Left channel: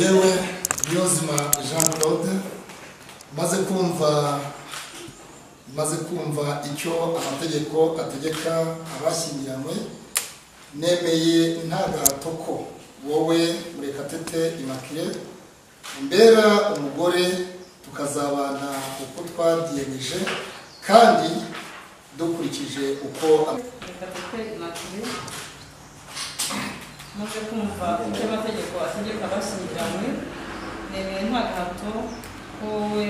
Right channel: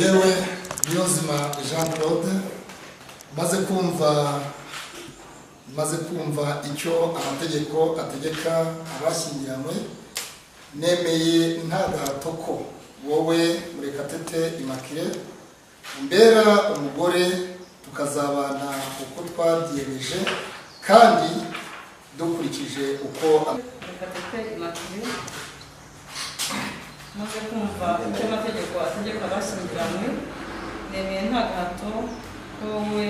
yewe Niyonzima Jean Claude maze kumva icyo amategeko ategeka abashyingiranywe, nemeye nta gahato ko wowe Murekatete Immaculée umbera umugore, tukazabana uko twabyiyemeje kandi dukurikije uko Murekatete Immaculée maze kumva icyo amategeko ategeka abashyingiranywe, nemeye nta gahato ko wowe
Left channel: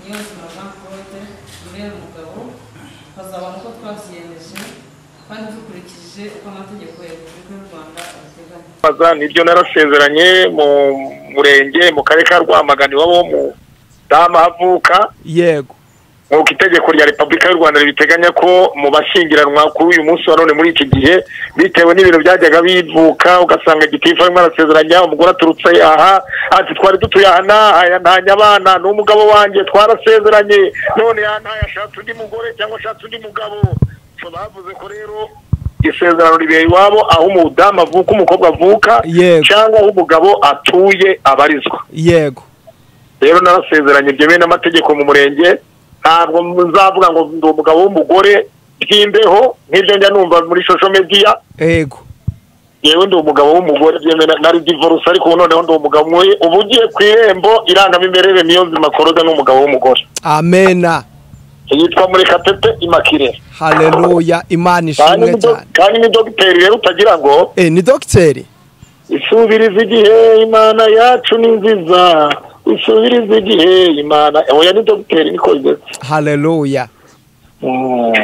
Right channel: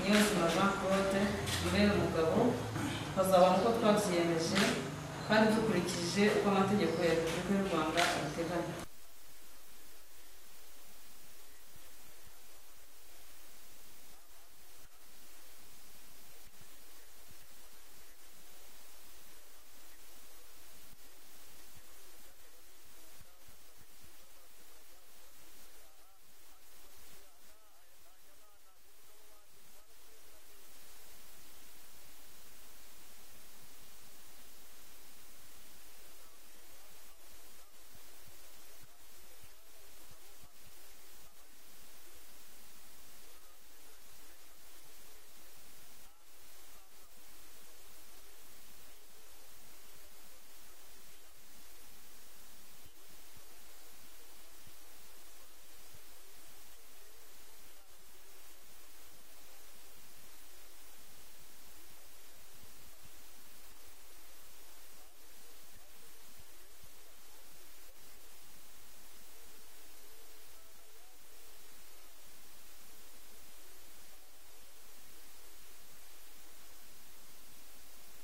Niyonzima Jean Claude umbera umugabo, tukazabana uko twabyiyemeje kandi dukurikije uko amategeko ya Repubulika y'u Rwanda abiteganya. Nibyo narasezeranye mu murenge mu karere ka Rwamagana iwabo mu dama havuka. Yego. Nk'uko itegeko rya Repubulika y'u Rwanda ribiteganya ko mu bashyingiranwa kuri uyu munsi wa none muri iki gihe, bitewe n'ibintu byajyaga bivuka ugasanga gitifu arimo arasezeranya umugore aturutse aha ati twari dutuye aha ntanya abana n'umugabo wanjye twarasezeranye none yashatse undi mugore cyangwa ashatse undi mugabo. Bavuze ko rero isezerano ribera iwabo aho umudamu avuka umukobwa avuka cyangwa aho umugabo atuye abarizwa. Yego. Rero narasezeranye byemewe n'amategeko mu murenge, ntabwo nzavuga ngo ndi umugabo w'umugore byimbeho nk'ibyo njya numva muri social media. Yego. Yewe ndi umugabo w'umugore byemewe nari divorce, ariko noneho ndi umugabo mwe ubugiye ku irembo irangamimerere Niyonzima Claude n'umugabo w'umugore. Amena. Yitwa Murekatete Immaculée. Haleluya, Imana ishimwe cyane. Kandi ni dogiteri rero utagira ngo ni dogiteri. Isubiriza igihe Imana yacu ni nziza, isubiriza igihe Imana. Oya ni dogiteri niko bimeze. Haleluya.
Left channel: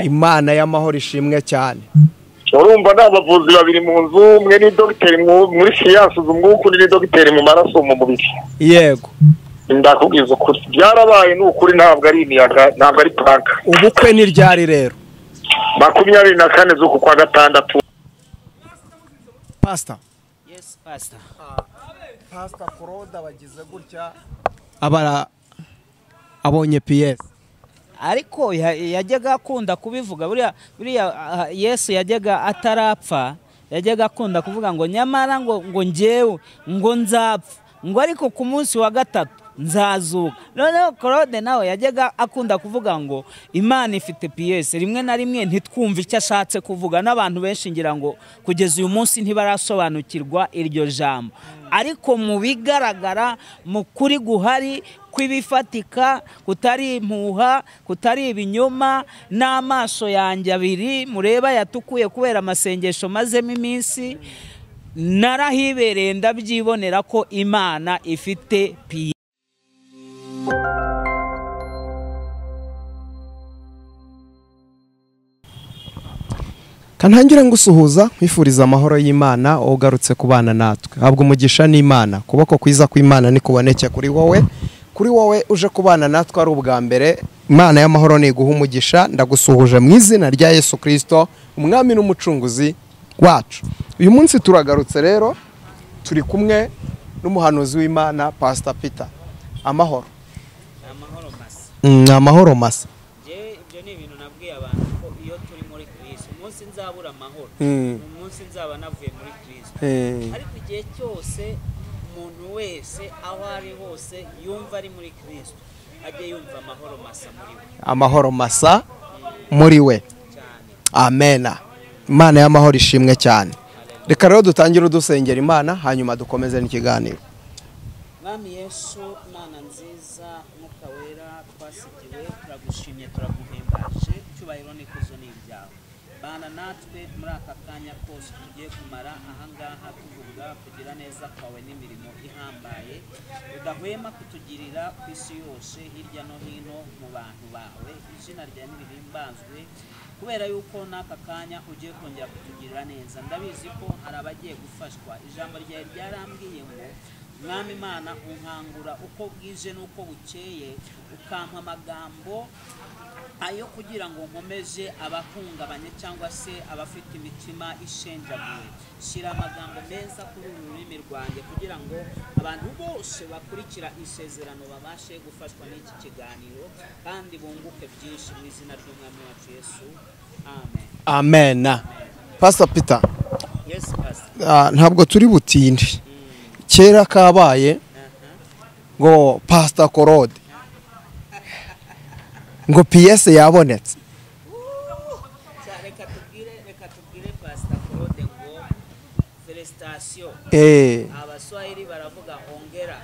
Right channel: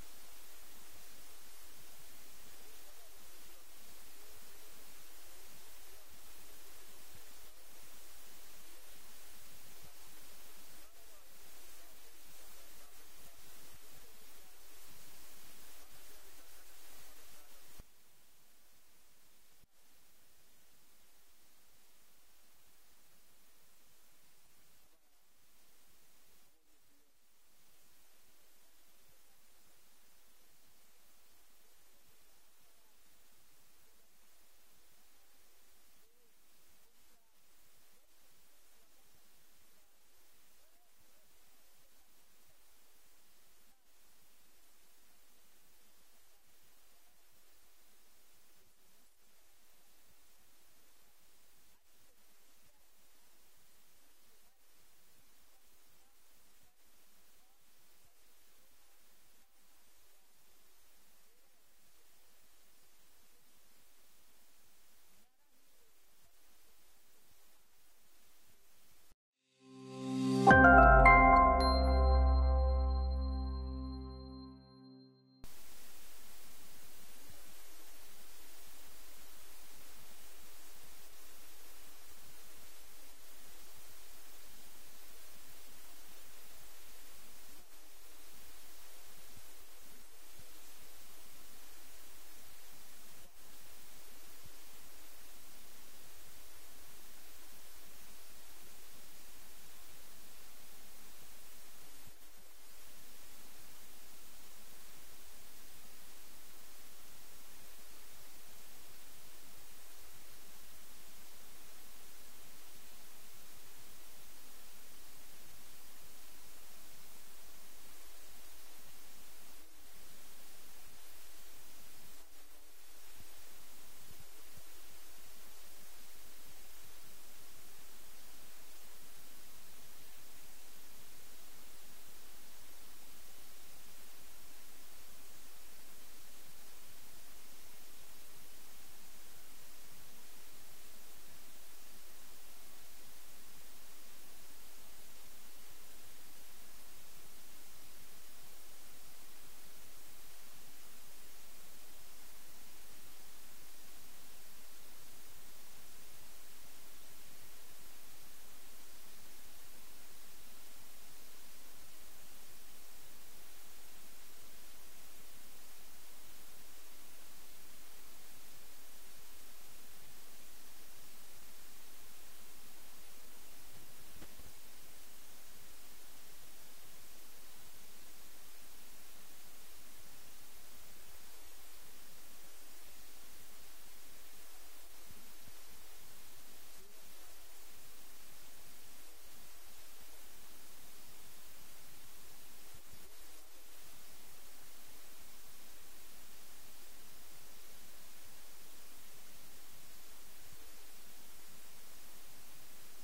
Imana y'amahoro ishimwe cyane. Urumva n'abavuzi babiri mu nzu, umwe ni dogiteri muri siyansi z'umwuka, undi ni dogiteri mu maraso mu mubiri. Yego. Ndakubwiza ukuri byarabaye n'ukuri, ntabwo ari imiyaga, ntabwo ari pranka. Ubukwe ni ryari rero? 24 z'uku kwa gatandatu. Pastor. Yes, Pastor. Pastor Claude bagize gutya abonye PS. Ariko yajyaga akunda kubivuga buriya Yesu yajyaga atarapfa, yajyaga akunda kuvuga ngo nyamara ngo njyewe ngo nzapfa, ngo ariko ku munsi wa gatatu nzazuka. Noneho Claude nawe yajyaga akunda kuvuga ngo Imana ifite PS. Rimwe na rimwe ntitwumve icyo ashatse kuvuga, n'abantu benshi ngira ngo kugeza uyu munsi ntibarasobanukirwa iryo jambo, ariko mu bigaragara mu kuri guhari kwibifatika, kutari impuha, kutari ibinyoma, n'amaso yanjye abiri mureba yatukuye kubera amasengesho mazemo iminsi, narahibereye ndabyibonera ko Imana ifite PS. Kantangira ngusuhuza kwifuriza amahoro y'Imana ugarutse kubana natwe. Habwo umugisha n'Imana, kuboko kwiza kw'Imana ni kuboneke kuri wowe uje kubana natwe ari ubwa mbere. Imana y'amahoro ni guha umugisha. Ndagusuhuje mu izina rya Yesu Kristo, umwami n'umucunguzi wacu. Uyu munsi turagarutse rero, turi kumwe n'umuhanuzi w'Imana Pastor Peter. Amahoro. Amahoro masa. Amahoro masa. Ibyo ni ibintu nabwiye abantu ko iyo turi muri Kristo umunsi nzabura amahoro, umunsi nzaba navuye muri Kristo. Ariko igihe cyose umuntu wese aho ari hose yumva ari muri Kristo, ajye yumva amahoro masa muri we. Amahoro masa muri we. Amena. Imana y'amahoro ishimwe cyane. Reka rero dutangire dusengera Imana hanyuma dukomeze n'ikiganiro. Mwami Yesu, Mana nziza, Mwuka wera, twasigiwe, turagushimye, turaguhimbaje, cyubahiro n'ikuzo ni ibyawe. Bana natwe muri aka kanya kose tugiye kumara ahangaha tuvuga kugira neza kwawe n'imirimo ihambaye udahwema kutugirira ku isi yose hirya no hino mu bantu bawe. Izina ryawe nirihimbazwe kubera yuko n'aka kanya ugiye kongera kutugirira neza. Ndabizi ko hari abagiye gufashwa. Ijambo ryawe ryarambwiye ngo Mwami Imana unkangura uko bwije n'uko bukeye, ukampa amagambo ayo kugira ngo nkomeze abahungabanye cyangwa se abafite imitima ishenjaguye. Shyira amagambo meza kuri uru rurimi rwanjye kugira ngo abantu bose bakurikira isezerano babashe gufashwa n'iki kiganiro kandi bunguke byinshi mu izina ry'Umwami wacu Yesu. Amen. Amen. Pastor Peter. Yes, Pastor. Ntabwo turi butinde. kera kabaye ngo Pastor Claude ngo PS yabonetse. reka tubwire Pastor Claude ngo felicitation. Abaswahili baravuga ongera.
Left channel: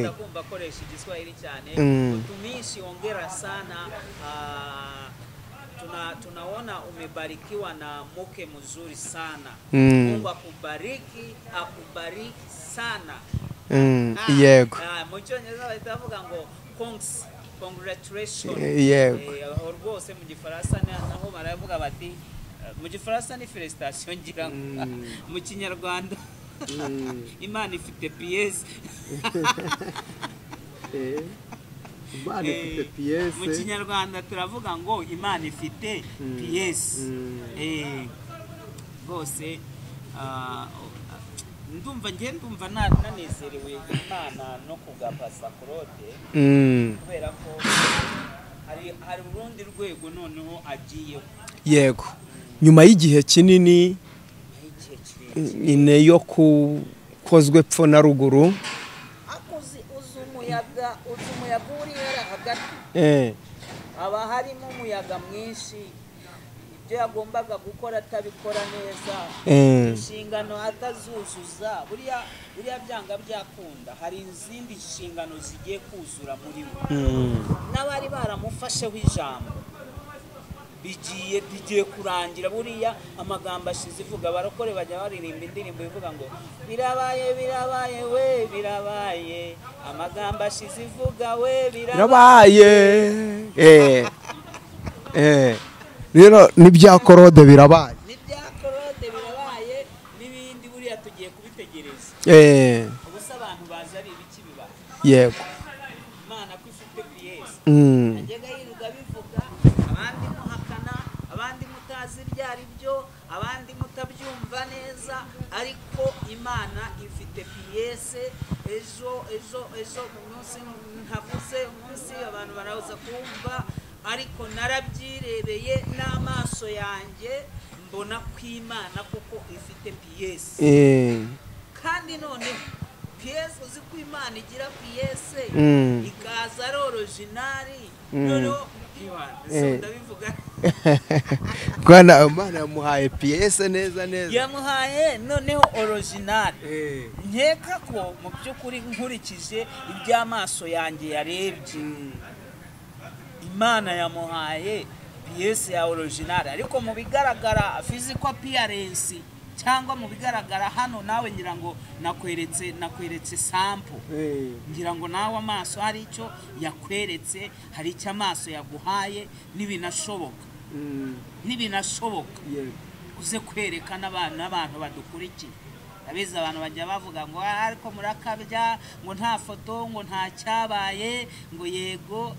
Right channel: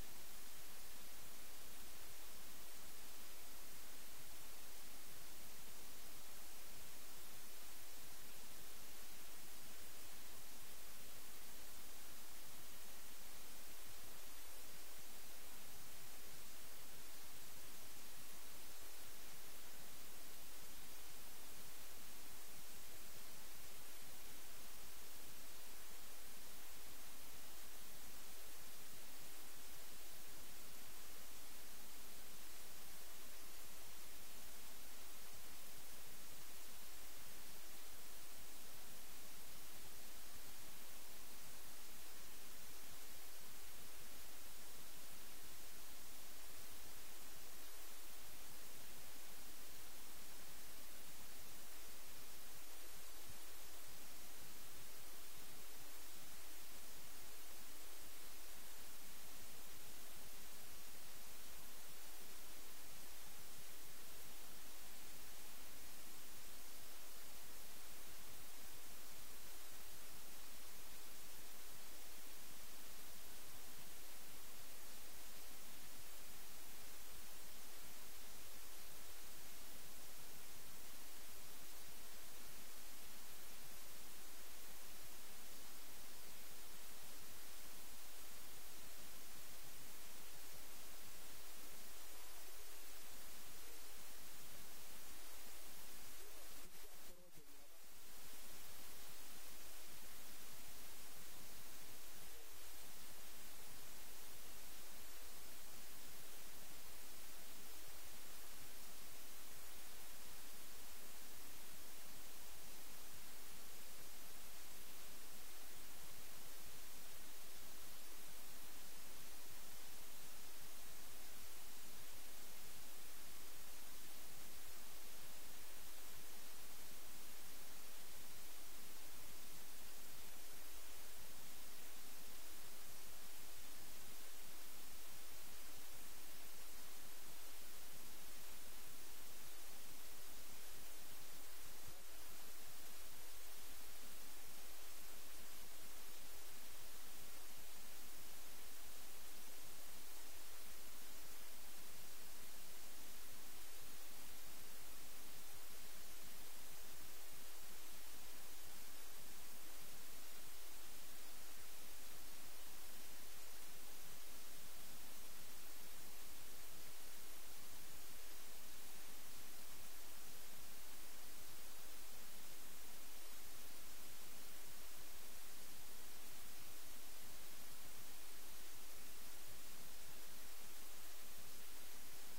Ndakumva koresha igiswahili cyane. Utumishi ongera sana. Tunaona umebarikiwa na mke mzuri sana. Mungu akubariki sana. Yego. Mu Cyongereza bitavuga ngo congratulations. Yego. Rwose mu Gifaransa naho baravuga bati mu Gifaransa ni felicitation ngira ngo. Mu Kinyarwanda Imana ifite PS. Mu Kinyarwanda turavuga ngo Imana ifite PS. Rwose ndumva nanezerewe Imana no kuga Pastor Claude, kubera ko hari urundi rwego noneho agiyeho. Yego, nyuma y'igihe kinini ine yo kukozwe pfo na ruguru, uzi umuyaga uri hagati, haba harimo umuyaga mwinshi, ibyo yagombaga gukora atabikora neza, inshingano atazuzuza. Buriya byanga byakunda, hari izindi nshingano zigiye kuzura muri we. N'abari baramufasheho ijambo bigiye kurangira. Buriya amagambo ashize ivuga, barakore bajya baririmba indirimbo ivuga ngo birabaye we birabaye, amagambo ashize ivuga we birabaye. Rero n'ibya Claude birabaye, n'ibindi buriya tugiye kubitegereza. Ubusa abantu baza ari ibiki bibaye. Yego, Imana ko ifite PS. Najyaga yiruga bivuga, abandi muhakana, abandi mutazi ryari byo, abandi mutabyumva neza, ariko Imana ifite PS. Ejo mu munsi ntavuze umunsi abantu baraza kumva, ariko narabyirebeye n'amaso yanjye mbona ko Imana kuko ifite PS. Kandi none PS, uzi ko Imana igira PS ikaza ari originali. Noneho ndabivuga Bwana Imana yamuhaye PS neza, yamuhaye noneho originali. Nkeka ko mu by'ukuri nkurikije iby'amaso yanjye yarebye, Imana yamuhaye PS ya original. Ariko mu bigaragara physical appearance cyangwa mu bigaragara hano, nawe ngira ngo nakweretse sample. Ngira ngo nawe amaso hari icyo yakweretse, hari icyo amaso yaguhaye, nibinashoboka uze kwerekana n'abantu badukurikiye. Abiza abantu bajya bavuga ngo ariko murakabya, ngo nta foto, ngo nta cyabaye, ngo yego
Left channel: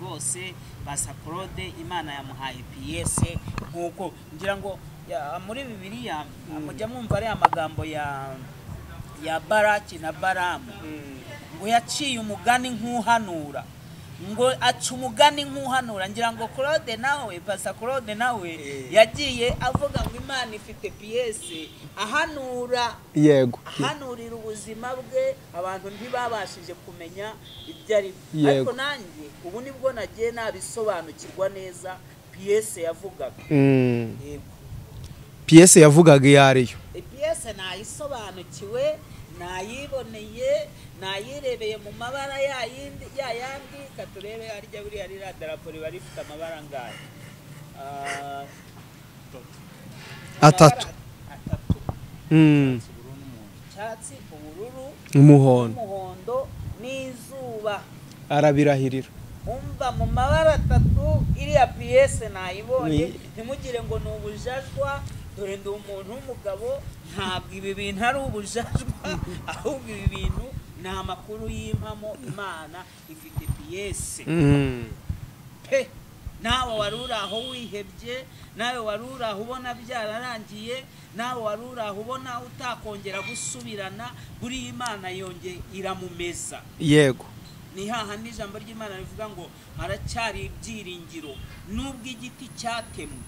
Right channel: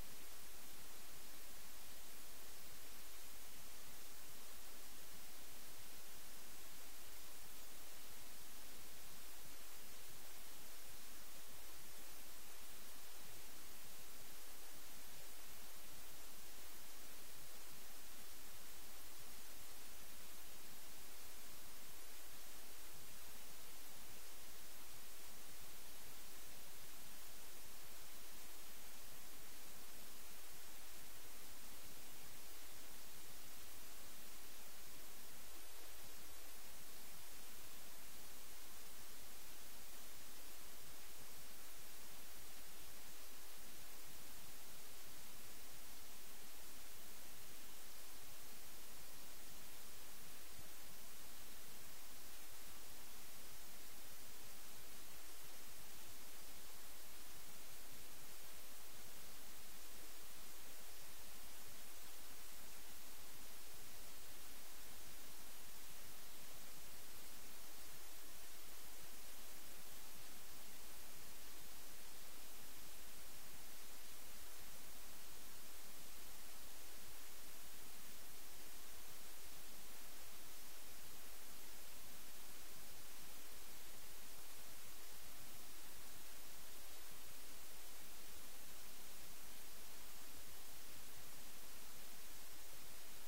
rwose Pastor Claude Imana yamuhaye PS. Nkuko ngira ngo muri Bibiliya mujya mwumva ari amagambo ya Baraki na Baramu, ngo yaciye umugani nk'uhanura, ngo aca umugani nk'uhanura. Ngira ngo Claude nawe, Pastor Claude nawe yagiye avuga ngo Imana ifite PS, ahanura. Yego, ahanurira ubuzima bwe, abantu ntibabashije kumenya ibyo ari byo. Ariko nanjye ubu nibwo nagiye nabisobanukirwa neza PS yavugaga. Yego, PS yavugaga iyo ariyo. PS nayisobanukiwe, nayiboneye, nayirebeye mu mabara yayandi. Katurebe harya buriya ririya darapo riba rifite amabara angahe? Atatu. Icyatsi, ubururu, umuhondo n'izuba. Arabirahirira. Umva mu mabara atatu iriya PS nayibonye. Ntimugire ngo ni ubujajwa, dore ndi umuntu w'umugabo, ntabwo ibi bintu ari ubujajwa, ahubwo ibi bintu ni amakuru y'impamo. Imana ifite PS. Nawe wari uri aho wihebye, nawe wari uri aho ubona byararangiye, nawe wari uri aho ubona utakongera gusubirana, buri Imana yongeye iramumeza. Yego, ni hahandi ijambo ry'Imana rivuga ngo haracyari ibyiringiro nubwo igiti cyatemwe.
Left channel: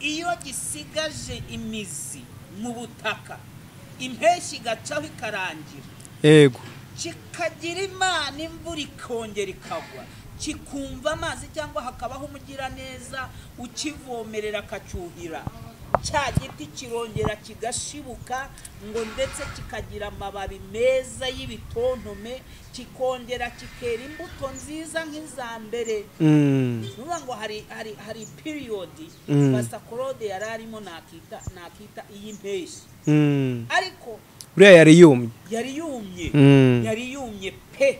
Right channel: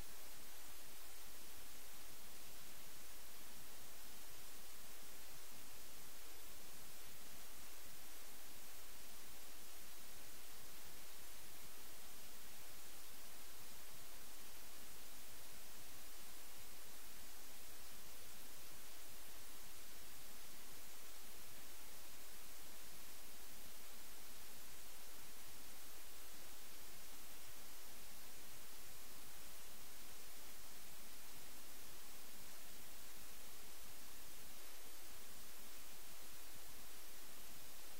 Iyo gisigaje imizi mu butaka, impeshyi igacaho ikarangira yego kikagira imana imvura ikongera ikagwa kikumva amazi cyangwa hakabaho umugiraneza ukivomerera akacyuhira cya giti kirongera kigashibuka ngo ndetse kikagira amababi meza y'ibitontome kikongera kikera imbuto nziza nk'iza mbere nuvuga ngo hari period Pastor Claude yari arimo nakita iy'impeshyi ariko uriya yari yumye pe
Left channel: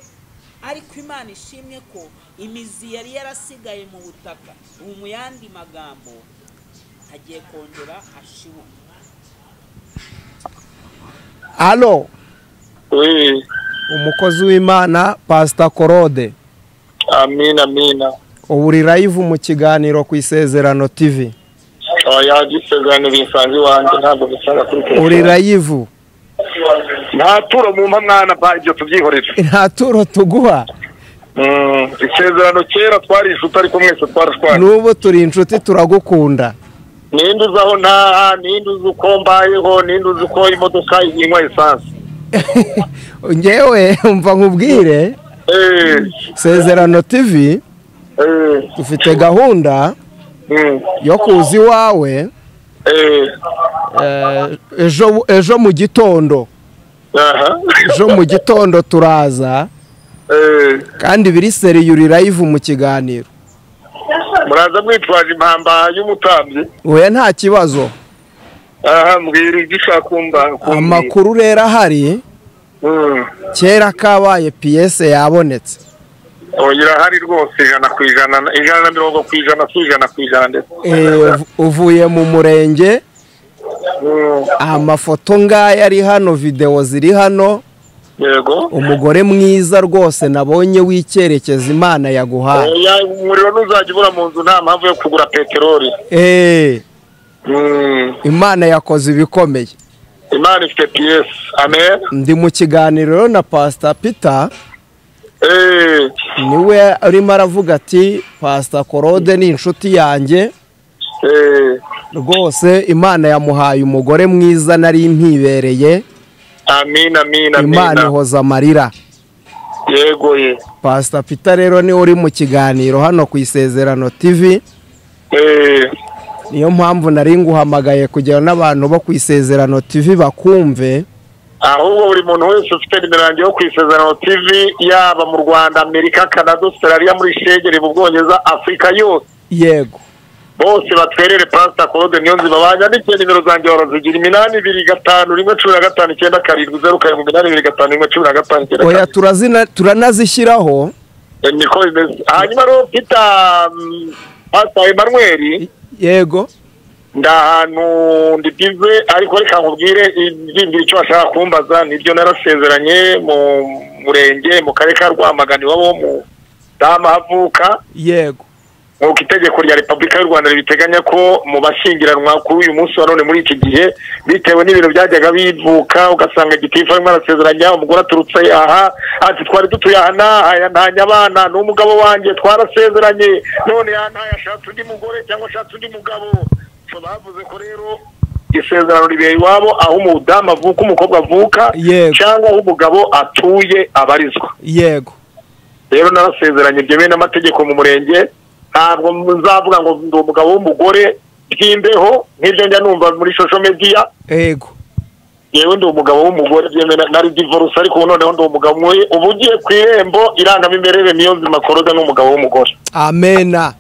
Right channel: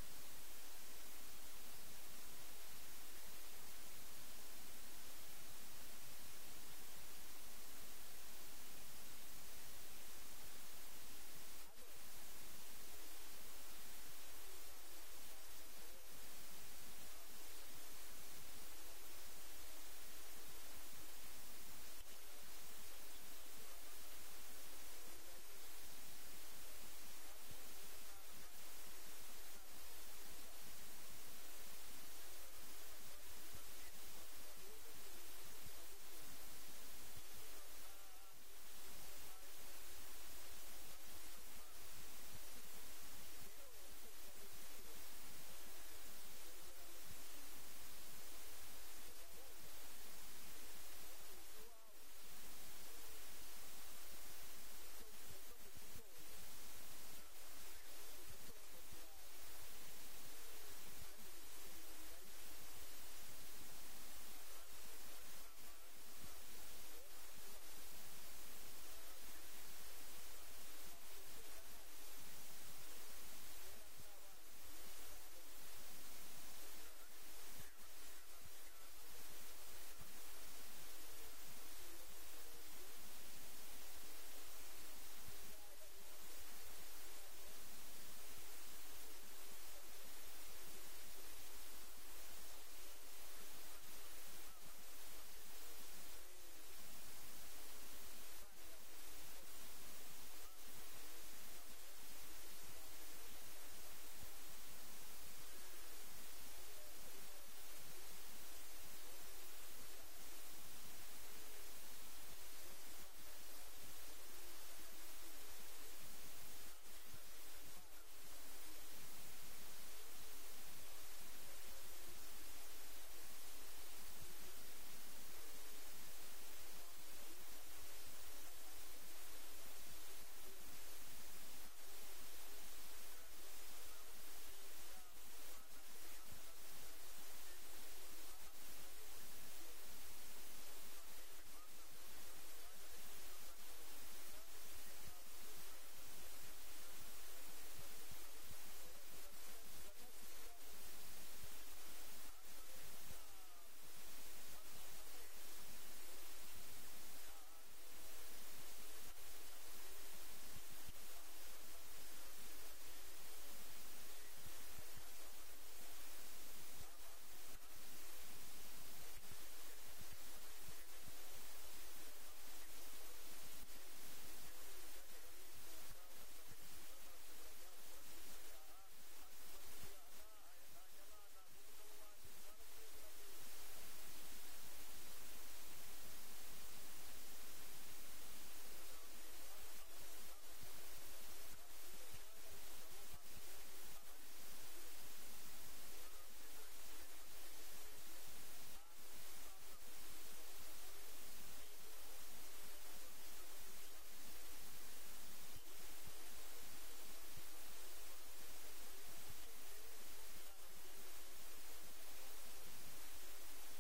ariko Imana ishimwe ko imizi yari yarasigaye mu butaka ubu mu yandi magambo agiye kongera ashibuka. Alo umukozi w'Imana Pastor Claude. Amina ubu uri live mu kiganiro ku Isezerano TV. Isezerano bisanzwe wanjye ntabwo bisanga kuri telefone. Uri live nta turo mu mwana ba ibyo tubyihorera. Nta turo tuguha. Isezerano kera twari inshuti ariko mwese twarashwana. Nubu turi inshuti turagukunda. Ninde uzaho nta ninde uzuko mbayeho ninde uzuko imodoka inywa esanse. Ngewe umva nkubwire Isezerano TV dufite gahunda yo kuza iwawe ejo mu gitondo. Ejo mu gitondo turaza kandi biri seriyuri live mu kiganiro. Muraza mwitwaje impamba y'umutambyi. Oya nta kibazo. Mbwira igishakumba. Amakuru rero ahari kera kabaye piyese yabonetse. Oya hari rwose 100%, 120% ndetse. Uvuye mu murenge. Amafoto ngaya ari hano, video ziri hano. Yego. Umugore mwiza rwose nabonye w'icyerekezo Imana yaguhaye. Umuriro nuzajya ubura mu nzu nta mpamvu yo kugura peteroli. Imana yakoze ibikomeye. Imana ifite PS. Amen. Ndi mu kiganiro na Pastor Peter. Niwe arimo aravuga ati Pastor Claude ni inshuti yanjye. Rwose Imana yamuhaye umugore mwiza nari impibereye. Amina. Imana ihoza amarira. Yego ye. Pastor Peter rero ni uri mu kiganiro hano ku Isezerano TV. Niyo mpamvu nari nguhamagaye kugira n'abantu bo ku Isezerano TV bakumve. Ahubwo buri muntu wese ufite nimero yo ku Isezerano TV yaba mu Rwanda, Amerika, Canada, Australia, muri Shegeri, mu Bwongereza, Afrika yose. Yego. Bose batwerere Pastor Claude Niyonzima banyandike nimero zanjye barazigira 825 Oya turanazishyiraho. Niko bimeze. Hanyuma ro Peter Pastor Emmanuel. Yego. Ndahantu ndibize ariko reka nkubwire ibindi icyo ashaka kumbaza nibyo narasezeranye mu murenge mu karere ka Rwamagana wabo mu dama havuka. Yego. Nk'uko itegeko rya Repubulika y'u Rwanda ribiteganya ko mu bashyingiranwa kuri uyu munsi wa none muri iki gihe bitewe n'ibintu byajyaga bivuka ugasanga gitifu arimo arasezeranya umugore aturutse aha ati twari dutuye aha ntanya abana n'umugabo wanjye twarasezeranye none yantaye ashatse undi mugore cyangwa ashatse undi mugabo. Bavuze ko rero isezerano ribeye iwabo aho umudamu avuka umukobwa avuka cyangwa aho umugabo atuye abarizwa. Yego. Rero narasezeranye byemewe n'amategeko mu murenge. Ntabwo nzavuga ngo ndi umugabo w'umugore byimbeho nk'ibyo njya numva muri social media. Yego. Yewe ndi umugabo w'umugore byemewe nari divorce ariko noneho ndi umugabo mwe ubugiye ku irembo irangamimerere Niyonzima Claude n'umugabo w'umugore. Amena.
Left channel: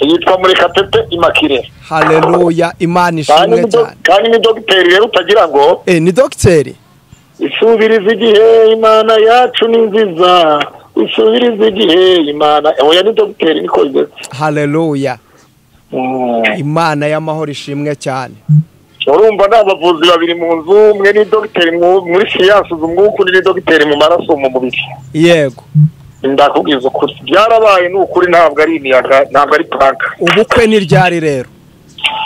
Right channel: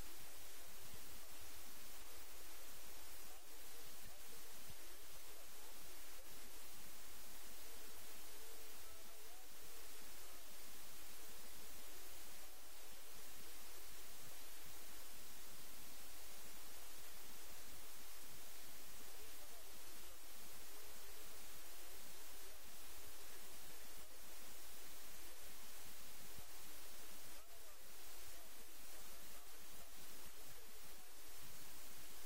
Yitwa Murekatete Immaculée. Haleluya. Imana ishimwe cyane. Kandi ni dogiteri rero utagira ngo ni dogiteri. Isubiriza igihe Imana yacu ni nziza. Isubiriza igihe Imana. Oya ni dogiteri niko bimeze. Haleluya. Imana y'amahoro ishimwe cyane. Urumva n'abavuzi babiri mu nzu, umwe ni dogiteri muri siyansi umwuka ni dogiteri mu maraso mu mubiri. Yego. Ndakubwiza ukuri byarabaye n'ukuri ntabwo ari imiyaga ntabwo ari planka. Ubukwe ni ryari rero?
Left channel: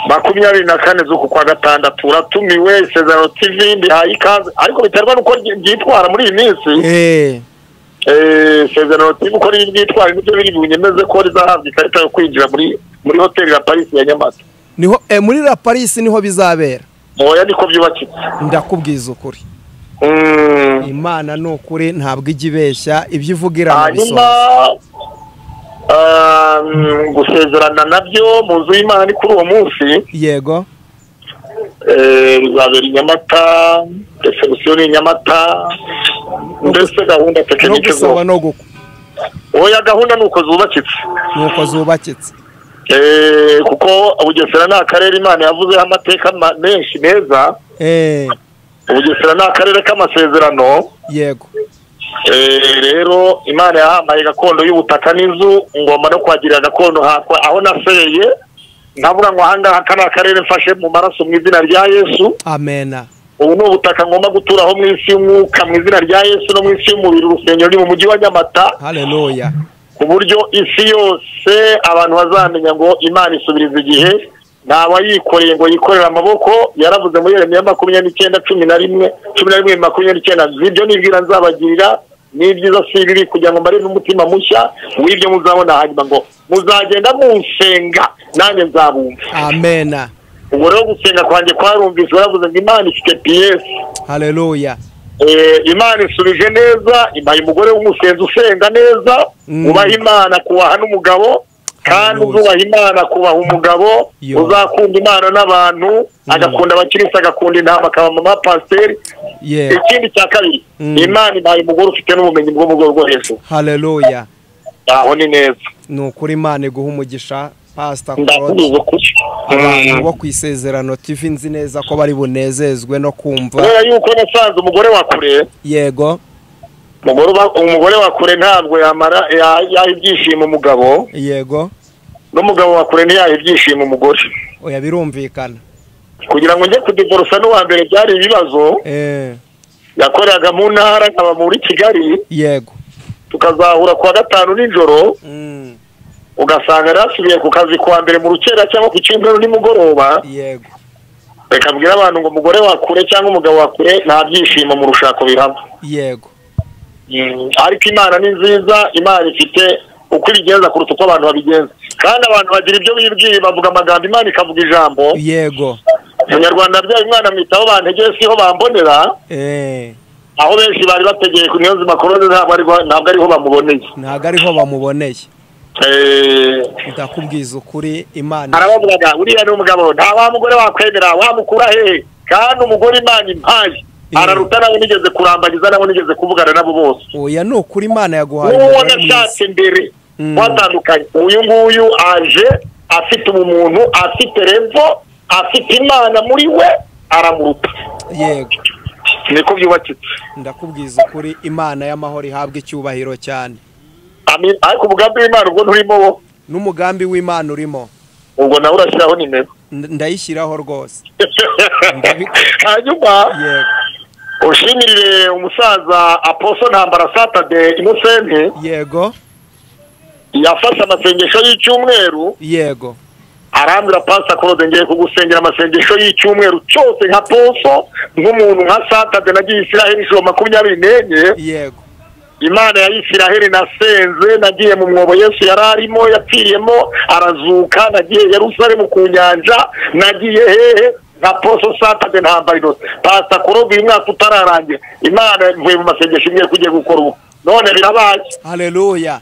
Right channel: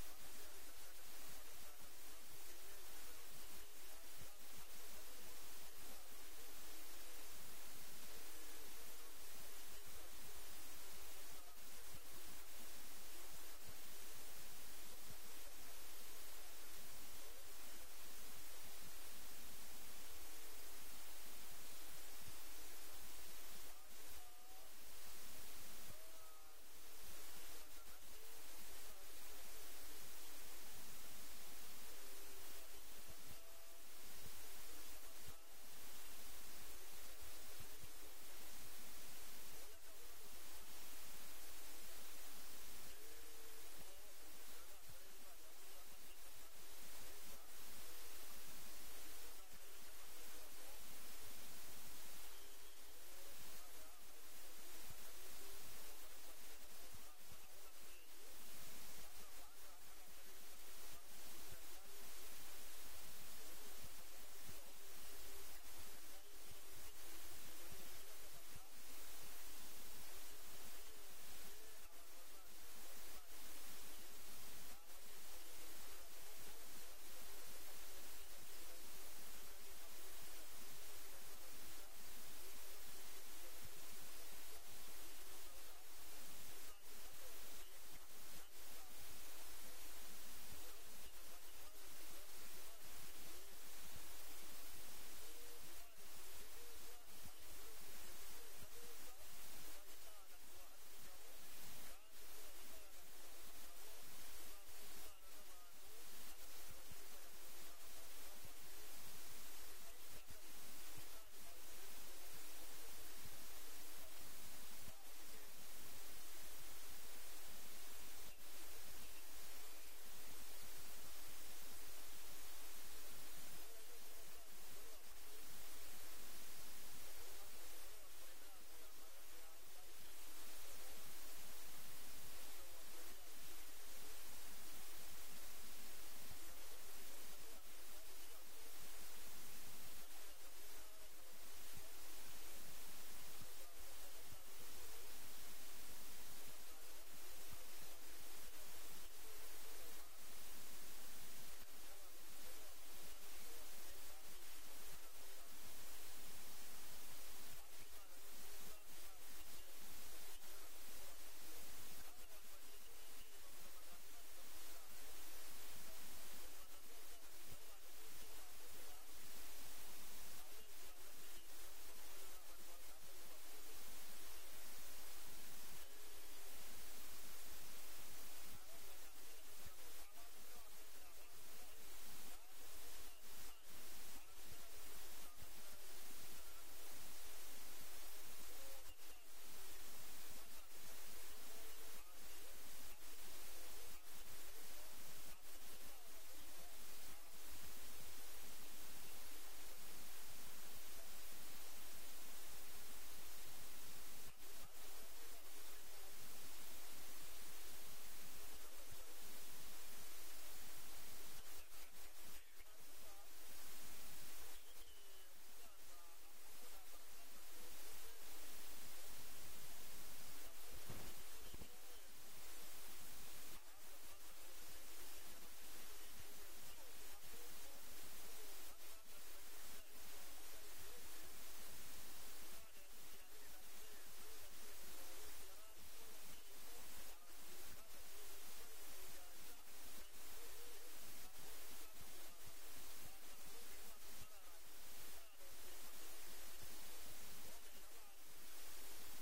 24 z'uku kwa gatandatu uratumiwe Isezerano TV ndihaye ikaze ariko biterwa nuko byitwara muri iyi minsi. Isezerano TV uko ryitwara nibyo biri bunyemeze ko rizahabwa ikarita yo kwinjira muri hotel La Paris ya Nyamata. Niho muri La Paris niho bizabera. oya niko byubakitse. ndakubwiza ukuri Imana ni ukuri ntabwo ijya ibeshya ibyo ivugira mu bisoza. Gusezerana nabyo mu nzu y'Imana ni kuri uwo munsi. Yego. Bizabera i Nyamata, reception ni Nyamata, ndetse gahunda tekinike zo. No gukwa. Oya gahunda nuko zubakitse. Nuko zubakitse. Kuko Bugesera ni akarere Imana yavuzeho amateka menshi meza. Bugesera ni akarere k'amasezerano. Yego. Rero Imana yahambaye gakondo y'ubutaka n'inzu, ngomba no kwagirira gakondo aho naseye. Ndavuga ngo ahangaha kana akarere mfashe mu maraso mu izina rya Yesu. Amena. Ubu ni ubutaka ngomba guturaho mu isi y'umwuka mu izina rya Yesu no mu isi y'umubiri. Urusengero ni mu mujyi wa Nyamata. Haleluya. Ku buryo isi yose abantu bazamenya ngo Imana isubiriza igihe, ntawa yikoreye ngo yikorera amaboko. Yaravuze muri Yeremiya 29:11 zibyo nibwira nzabagirira ni byiza si bibi kugira ngo mbare n'umutima mushya w'ibyo muzabona, hanyuma ngo muzagenda munsenga nanjye nzabumva. Amena. Ubwo rero gusenga kwanjye kwarumvise, baravuze ngo Imana ifite PS. Haleluya. Imana isubije neza, impaye umugore w'umusenzi usenga neza, ubaha Imana kubaha n'umugabo, kandi uzubaha Imana kubaha umugabo, uzakunda Imana n'abantu, agakunda abakirisitu, agakunda intama, akaba mama pasiteri. Ikindi cya kabiri, Imana impaye umugore ufite n'ubumenyi bwo mu rwego rwo hejuru. Haleluya. Aho ni neza. Ni ukuri Imana iguha umugisha Pastor Claude. Abantu bo kwisezerano TV nzi neza ko bari bunezezwe no kumva. Kubera yuko nasanze umugore wa kure. Yego. Umugore wa kure ntabwo yamara ibyishimo umugabo. Yego. N'umugabo wa kure ntiyaha ibyishimo umugore. Oya birumvikana. Kugira ngo njye kudivorsa n'uwa mbere byari ibibazo. Yakoreraga mu ntara nkaba muri Kigali. Yego. Tukazahura kwa gatanu nijoro. Ugasanga rasubiye ku kazi kwa mbere mu rukera cyangwa ku cyumweru nimugoroba. Yego. Reka mbwira abantu ngo umugore wa kure cyangwa umugabo wa kure nta byishimo mu rushako bihaba. Yego. Ariko Imana ni nziza, Imana ifite uko ibigenza kuruta uko abantu babigenza, kandi abantu bagira ibyo bibwiye, bavuga amagambo, Imana ikavuga ijambo. Yego. Umunyarwanda byaye umwana mwitaho bantegeye siho bambonera. Aho benshi bari bategeye ku niyo nzima korode ntabwo ariho bamuboneye. Ntabwo ariho bamuboneye. Ndakubwiza ukuri Imana. Arabavuga uriya ni umugabo, nta wa mugore wakwemera, wamukura hehe? Kandi umugore Imana impaye araruta nabo nigeze kurambagiza, nabo nigeze kuvugana nabo bose. Oya ni ukuri Imana yaguhaye. Uwo nashatse mbere watandukanye, uyu nguyu aje afite umuntu, afite revo, afite Imana muri we, aramuruta. Yego. Niko byubakitse. Ndakubwiza ukuri Imana y'amahoro ihabwa icyubahiro cyane. Amen. Ariko umugambi w'Imana ubwo nturimo wo? N'umugambi w'Imana urimo. Ubwo nawe urashyiraho nimero? Ndayishyiraho rwose. Hanyuma ushimirire umusaza Apostle Ntambara Saturday Innocent. Yego. Yafashe amasengesho y'icyumweru. Yego. Arambira Pastor Claude ngiye kugusengera amasengesho y'icyumweru cyose nka Poso, nk'umuntu nka Saturday nagiye Isiraheli 24. Yego. Imana ya Isiraheli nasenze, nagiye mu mwobo Yesu yararimo yapfiriyemo, arazuka, nagiye Yerusalemu ku nyanja, nagiye hehe nka Poso Saturday Ntambara. Pastor Claude uyu mwaka utararangira, Imana mvuye mu masengesho imwe kugiye gukora ubu, none birabaye. Haleluya.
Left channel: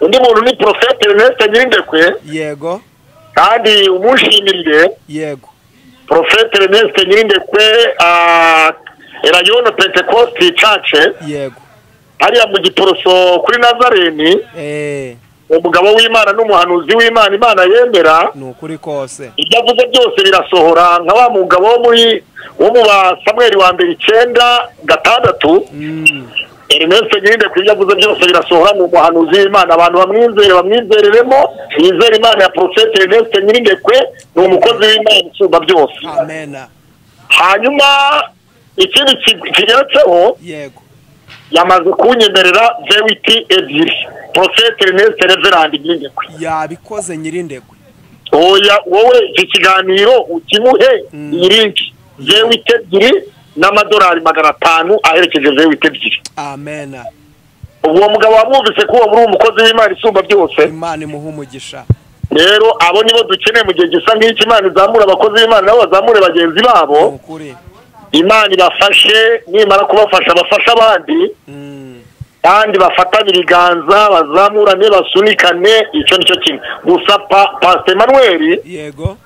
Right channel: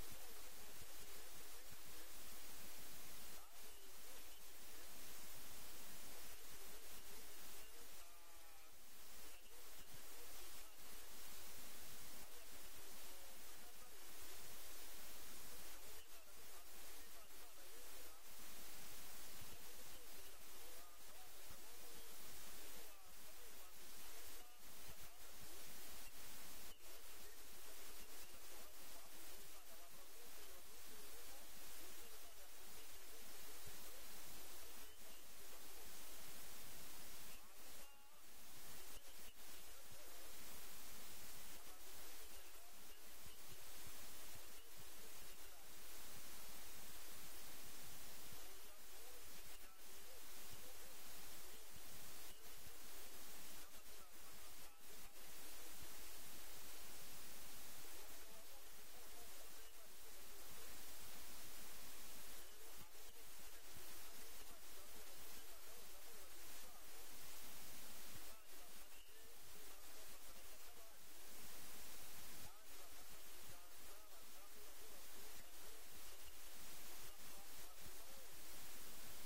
Undi muntu ni Prophet Ernest Nyirindekwe. Yego. Kandi umushimirire. Yego. Prophet Ernest Nyirindekwe Erayono Pentecost Church. Yego. Hariya mu Giporoso kuri Nazareni. Umugabo w'Imana n'umuhanuzi w'Imana, Imana yemera. Nukuri kose. Ibyo avuze byose birasohora, nka wa mugabo wo mu ba Samuel wa mbere 9:6. Ernest Nyirindekwe ibyo avuze byose birasohora, mu muhanuzi w'Imana. Abantu bamwizereremo, yizera Imana ya Prophet Ernest Nyirindekwe, ni umukozi w'Imana usumba byose. Amen. Hanyuma ikindi kigeretseho. Yego. Yamaze kunyemerera Vewiti ebyiri. Prophet Ernest Reverend Nyirindekwe. Yabikoze Nyirindekwe. Oya wowe iki kiganiro ukimuhe irinki. Vewiti ebyiri n'amadolari 500 aherekeje Vewiti ebyiri. Amen. Uwo mugabo wamwumvise ko muri umukozi w'Imana isumba byose. Imana imuha umugisha. rero abo nibo dukeneye mu gihe gisa nk'iki. Imana izamura abakozi b'Imana nabo bazamure bagenzi babo, Imana ibafashe, nimara kubafasha bafasha abandi, kandi bafatanye ibiganza bazamurane basunikane. Icyo nicyo kimwe gusa. Pastor Emmanuel, yego,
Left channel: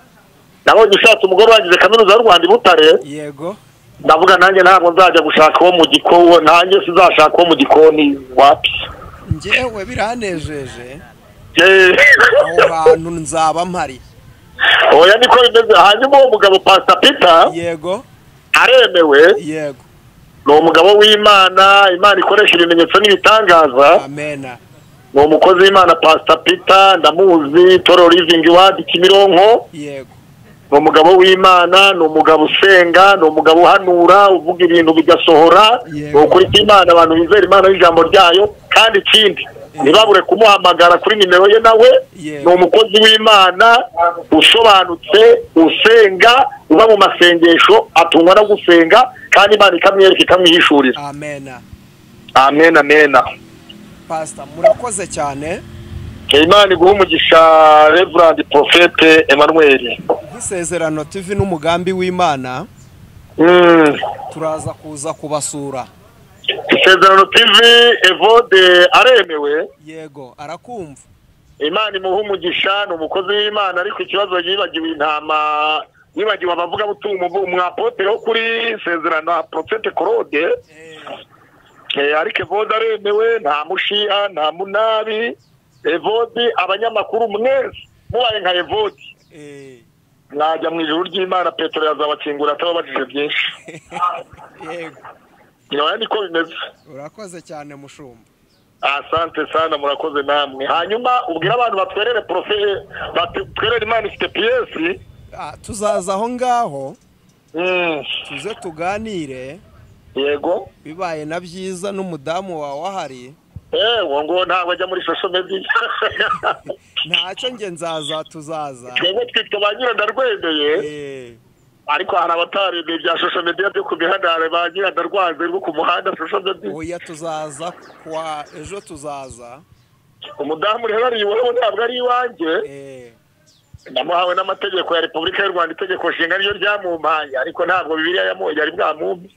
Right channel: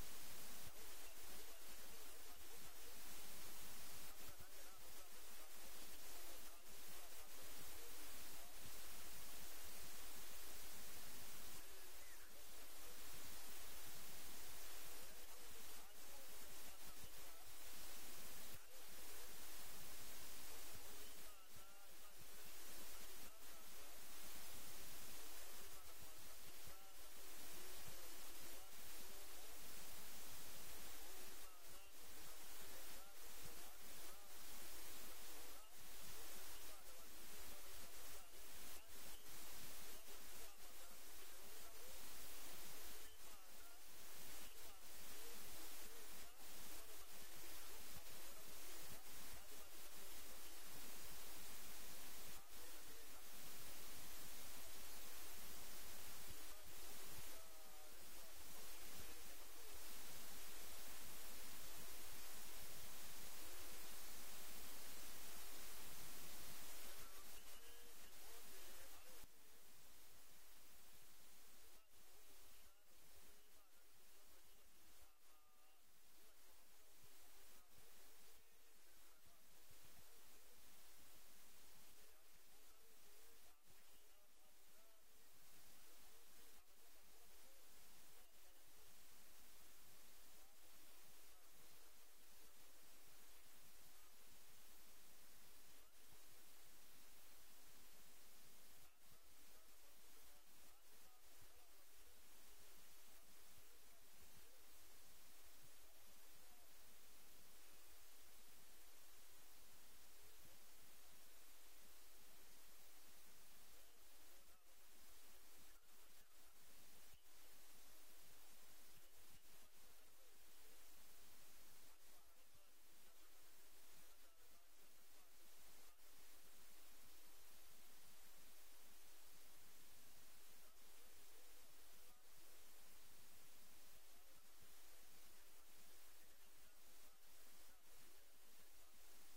nabonye ushatse umugore wagize kaminuza y'u Rwanda i Butare, yego, ndavuga nanjye ntabwo nzajya gushaka uwo mu gikoni, nanjye sizashaka uwo mu gikoni wapi. njyewe biranejeje aho hantu nzaba mpari. Oya niko bimeze. Hanyuma uwo mugabo Pastor Peter, yego, aremewe, yego, ni umugabo w'Imana, Imana ikoresha ibimenyetso n'ibitangaza. amena. Ni umukozi w'Imana Pastor Peter, ndamuzi, Toro Living Word Kimironko. Yego, ni umugabo w'Imana, ni umugabo usenga, ni umugabo uhanura, uvuga ibintu bigasohora. Ni ukuri kw'Imana, abantu bizera Imana n'ijambo ryayo. Kandi ikindi ntibabure kumuhamagara kuri nimero ye, nawe ni umukozi w'Imana usobanutse, usenga, uba mu masengesho, atungwa no gusenga, kandi Imana ikamwereka ikamwihishurira. amena. Amen, amen. Pastor, murakoze cyane. Imana iguha umugisha Reverend Prophet Emmanuel. Nk'isezerano TV n'umugambi w'Imana, turaza kuza kubasura. Isezerano TV Evode aremewe, yego, arakumva. Imana imuha umugisha, ni umukozi w'Imana, ariko ikibazo yibagiwe intama, yibagiwe abavuga butumwa umwapotere wo kuri Isezerano Prophet Claude. Ariko Evode aremewe, nta mushiha, nta munabi. Evode, abanyamakuru mwese mubaye nka Evode, mwajya mu ijuru ry'Imana, Petero yazabakingura atababajije byinshi. Yego, Noya niko bimeze. urakoze cyane mushumba. Asante sana, murakoze namwe. Hanyuma ubwira abantu batwerere batwerere Imana ifite PS. Tuzaza aho ngaho, tuze tuganire. Yego, bibaye na byiza n'umudamu wawe ahari. ngo ntabwo ajya muri social media. Ntacyo nge nzaza, tuzaza. Twebwe twitwa ba Nyirandarwendeye, ariko hari abataremeye bya social media byo ku mihanda, ba Nyirandarwanze rwo ku muhanda social media. Oya, tuzaza kwa ejo, tuzaza. Umudamu rero ari iwawe, ntabwo ari iwanjye. Namuhawe n'amategeko ya Repubulika y'u Rwanda, itegeko nshinga niyo ryamumpaye, ariko ntabwo Bibiliya yari bwamumpe.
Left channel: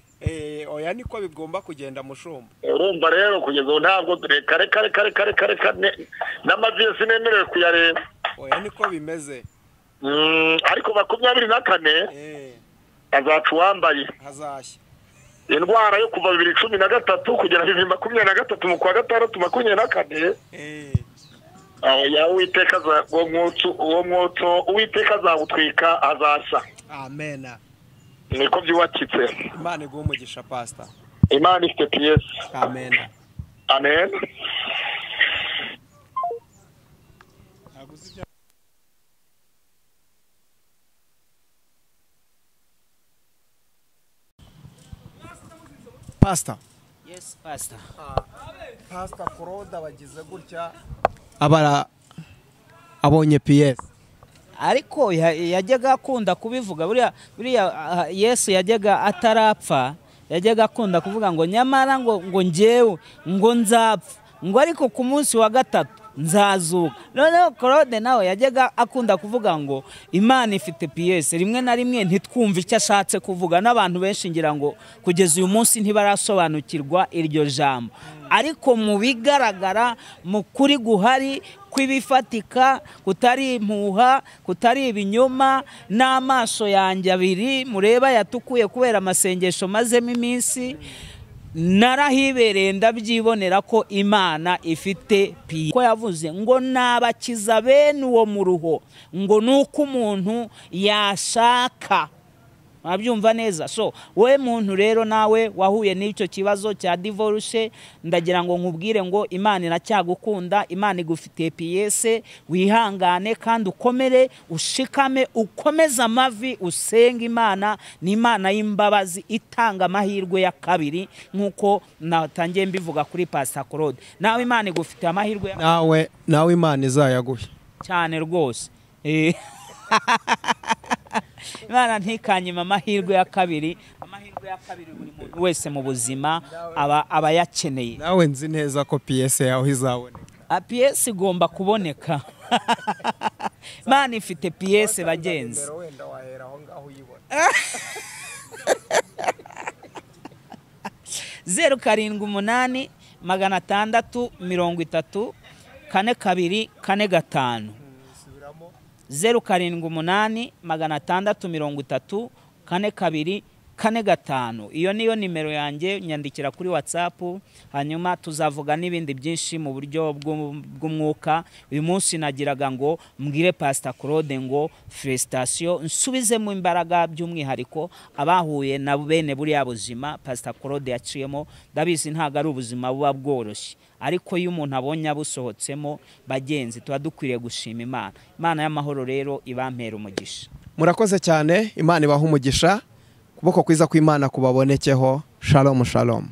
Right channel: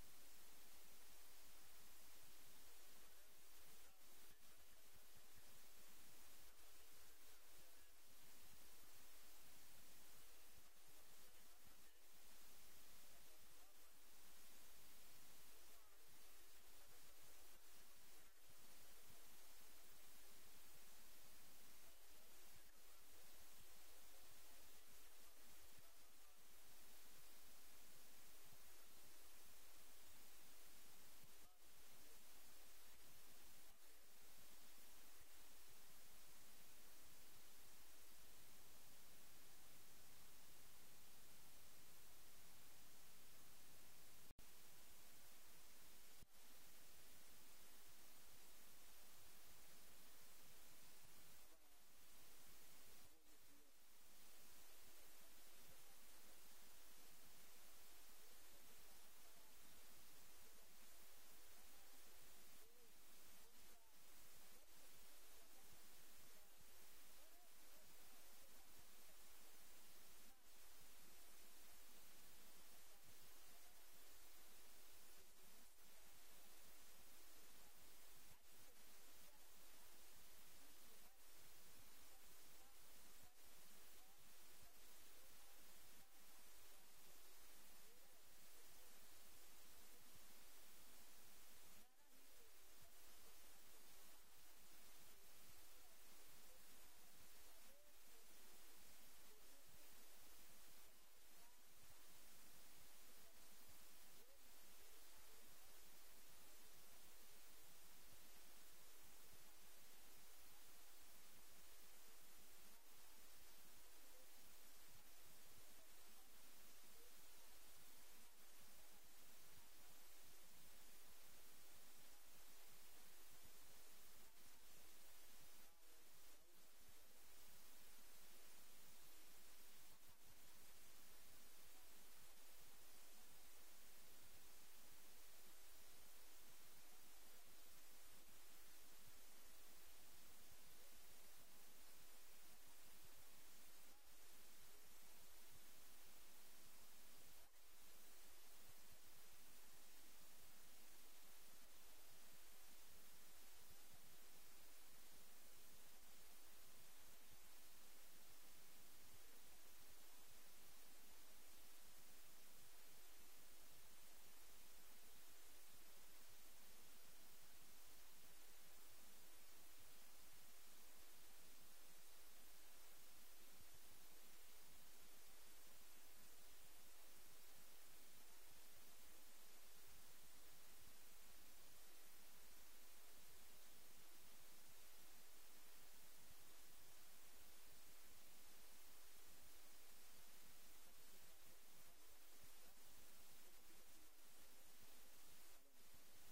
Oya niko bigomba kugenda mushumba. Urumva rero kugeza ubu ntabwo reka n'amavi sinemerewe kuyareba. Oya niko bimeze. Ariko 24 azaca uwambaye, hazashya indwara yo kuva 2013 kugera 2023 mu kwa gatandatu 24. Ya Uwiteka uwo mwotso Uwiteka azawutwika, azashya. amena. Niko byubakitse. Imana iguha umugisha Pastor. Imana ifite PS. Amen. Amen. Pastor. Yes, Pastor. Pastor Claude bagize gutya, abonye PS. Ariko yajyaga akunda kubivuga, buriya Yesu yajyaga atarapfa, yajyaga akunda kuvuga ngo nyamara ngo njyewe ngo nzapfa, ngo ariko ku munsi wa gatatu nzazuka. Noneho Claude nawe yajyaga akunda kuvuga ngo Imana ifite PS. Rimwe na rimwe ntitwumve icyo ashatse kuvuga, n'abantu benshi ngira ngo kugeza uyu munsi ntibarasobanukirwa iryo jambo. Ariko mu bigaragara, mu kuri guhari kwibifatika, kutari impuha, kutari ibinyoma, n'amaso yanjye abiri mureba yatukuye kubera amasengesho mazemo iminsi, narahibereye ndabyibonera ko Imana ifite PS. Ko yavuze ngo nabakiza bene uwo mu ruho, ngo nuko umuntu yashaka. Abyumva neza. So we muntu rero nawe wahuye n'icyo kibazo cya divorce, ndagira ngo nkubwire ngo Imana iracyagukunda, Imana igufitiye PS. Wihangane kandi ukomere, ushikame, ukomeze amavi, usenga Imana. Ni Imana y'imbabazi itanga amahirwe ya kabiri, nkuko natangiye mbivuga kuri Pastor Claude. Nawe Imana igufitiye amahirwe nawe Imana izayaguhe cyane rwose. Imana ntikanyima amahirwe ya kabiri. Amahirwe ya kabiri buri muntu wese mu buzima aba yakeneye. Nawe nzi neza ko PS yawe izaboneka. PS igomba kuboneka. Imana ifite piyese bagenzi. wenda wahera aho ngaho uyibona. 078 630 42 45. 078 630 42 45. Iyo niyo nimero yanjye, nyandikira kuri WhatsApp, hanyuma tuzavuga n'ibindi byinshi mu buryo bw'umwuka. Uyu munsi nagiraga ngo mbwire Pastor Claude ngo felicitation, nsubizemo imbaraga by'umwihariko abahuye na bene buriya buzima Pastor Claude yaciyemo. Ndabizi ntago ari ubuzima buba bworoshye, ariko iyo umuntu abonye abusohotsemo bagenzi, tuba dukwiriye gushima Imana. Imana y'amahoro rero ibampera umugisha. Murakoze cyane, Imana ibaha umugisha, kuboko kwiza kw'Imana kubabonekeho. Shalom shalom.